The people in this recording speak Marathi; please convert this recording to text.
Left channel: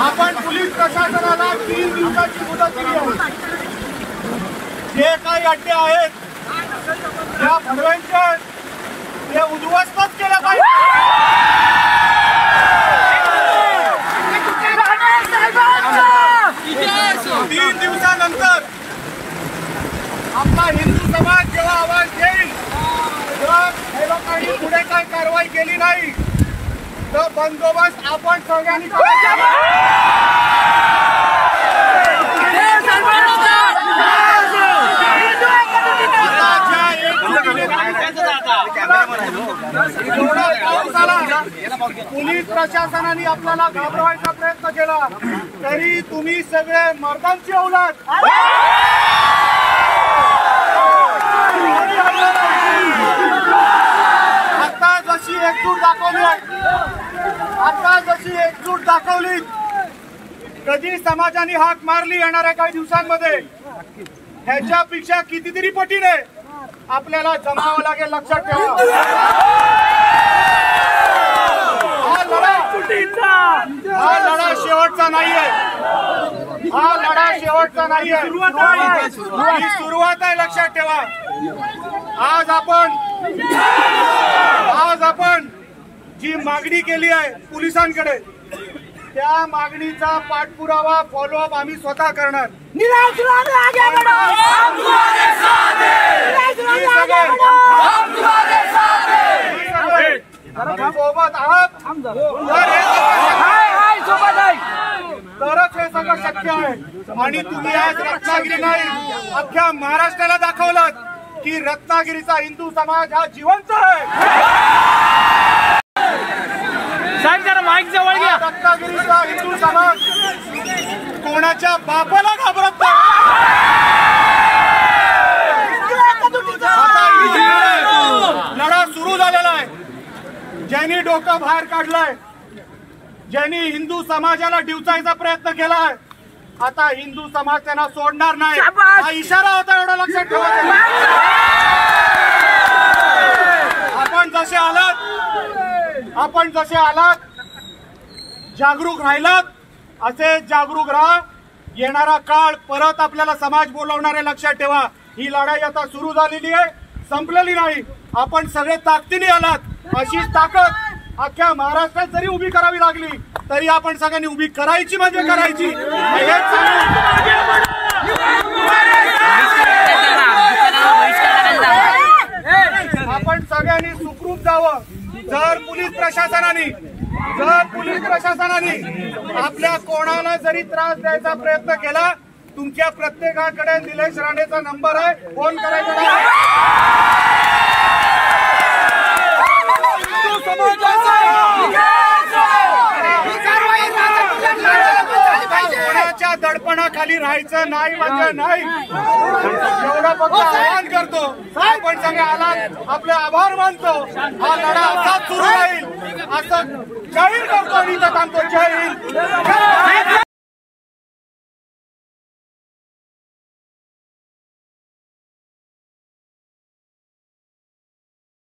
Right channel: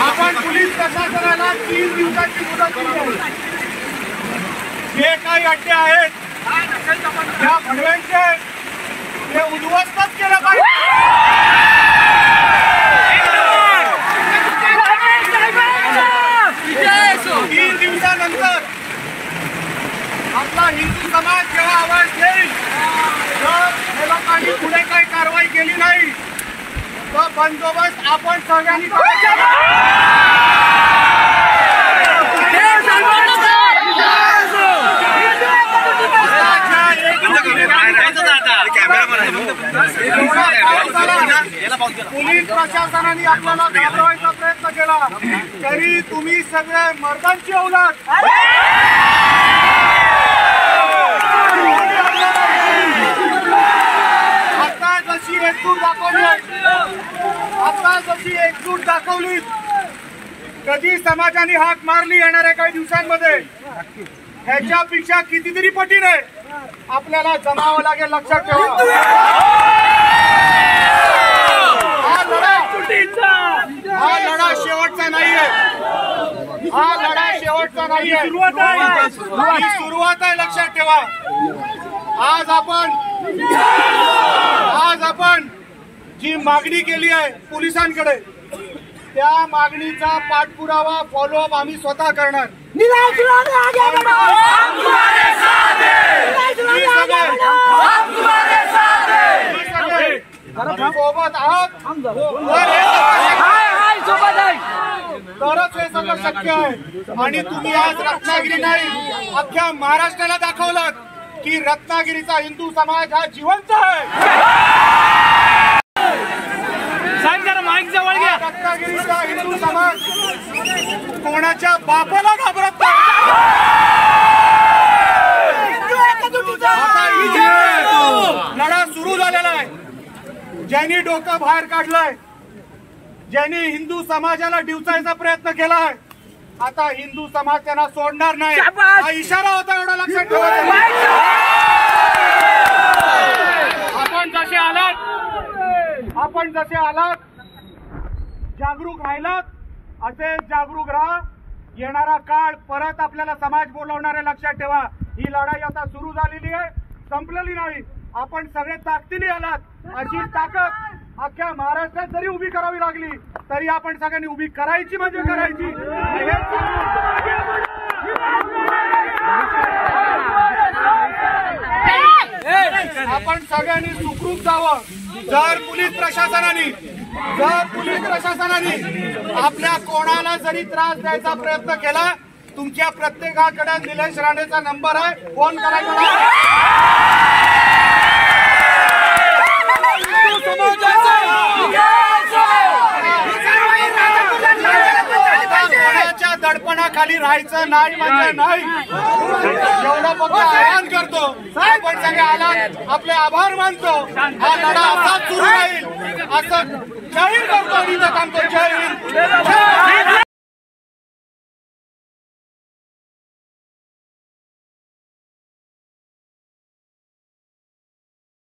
आपण पोलीस प्रशासनाला 3 दिवसाची मुदत दिली आहे. जे काही अड्डे आहेत त्या भडव्यांचे ते उद्ध्वस्तच केलं पाहिजे. 3 दिवसानंतर आपला हिंदू समाज जेव्हा आवाज देईल, जर हे लोकांनी पुढे काही कारवाई केली नाही तर बंदोबस्त आपण सगळ्यांनी पोलीस प्रशासनाने आपल्याला घाबरवायचा प्रयत्न केला तरी तुम्ही सगळे मर्दांची औलाद आता जशी एकजूट दाखवली कधी समाजाने हाक मारली येणाऱ्या काही दिवसांमध्ये ह्याच्यापेक्षा कितीतरी पटीने आपल्याला जमावं लागेल. लक्षात ठेवा, हा लढा शेवटचा नाहीये. हा लढा शेवटचा नाहीये, सुरुवात आहे. लक्षात ठेवा, आज आपण जी मागणी केली आहे पोलिसांकडे त्या मागणीचा पाठपुरावा फॉलोअप आम्ही स्वतः करणार. सोबत आहात तरच हे सगळं शक्य आहे. आणि तुम्ही आज रत्नागिरी नाही अख्ख्या महाराष्ट्राला दाखवलं की रत्नागिरीचा हिंदू समाज हा जिवंत आहे. माईक जवळ घ्या. रत्नागिरीचा हिंदू समाज कोणाच्या बापाला घाबरत नाही. आता लढा सुरू झालेला आहे. ज्यांनी डोकं बाहेर काढलंय, ज्यांनी हिंदू समाजाला डिवचायचा प्रयत्न केलाय, आता हिंदू समाज त्यांना सोडणार नाही. हा इशारा होता, एवढं लक्षात ठेवा. आपण जसे आलात जागरूक राहिलात असे जागरूक राहा. येणारा काळ परत आपल्याला समाज बोलवणार आहे. लक्षात ठेवा, ही लढाई आता सुरू झालेली आहे, संपलेली नाही. आपण सगळे ताकदीने आलात. अशीच ताकद अख्ख्या महाराष्ट्रात जरी उभी करावी लागली तरी आपण सगळ्यांनी उभी करायची म्हणजे करायची. आपण सगळ्यांनी सुखरूप जावं. जर पोलीस प्रशासनाने आपल्या कोणाला जरी त्रास द्यायचा प्रयत्न केला, तुमच्या प्रत्येकाकडे निलेश राणेचा नंबर आहे, फोन करायचा. कोणाच्या दडपणाखाली राहायचं नाही म्हणजे नाही, एवढं फक्त आवाहन करतो. आपण सगळे आलात, आपले आभार मानतो. हा लढा असाच सुरू राहील असं जाहीर करतो. मी तर सांगतो, जय हिंद.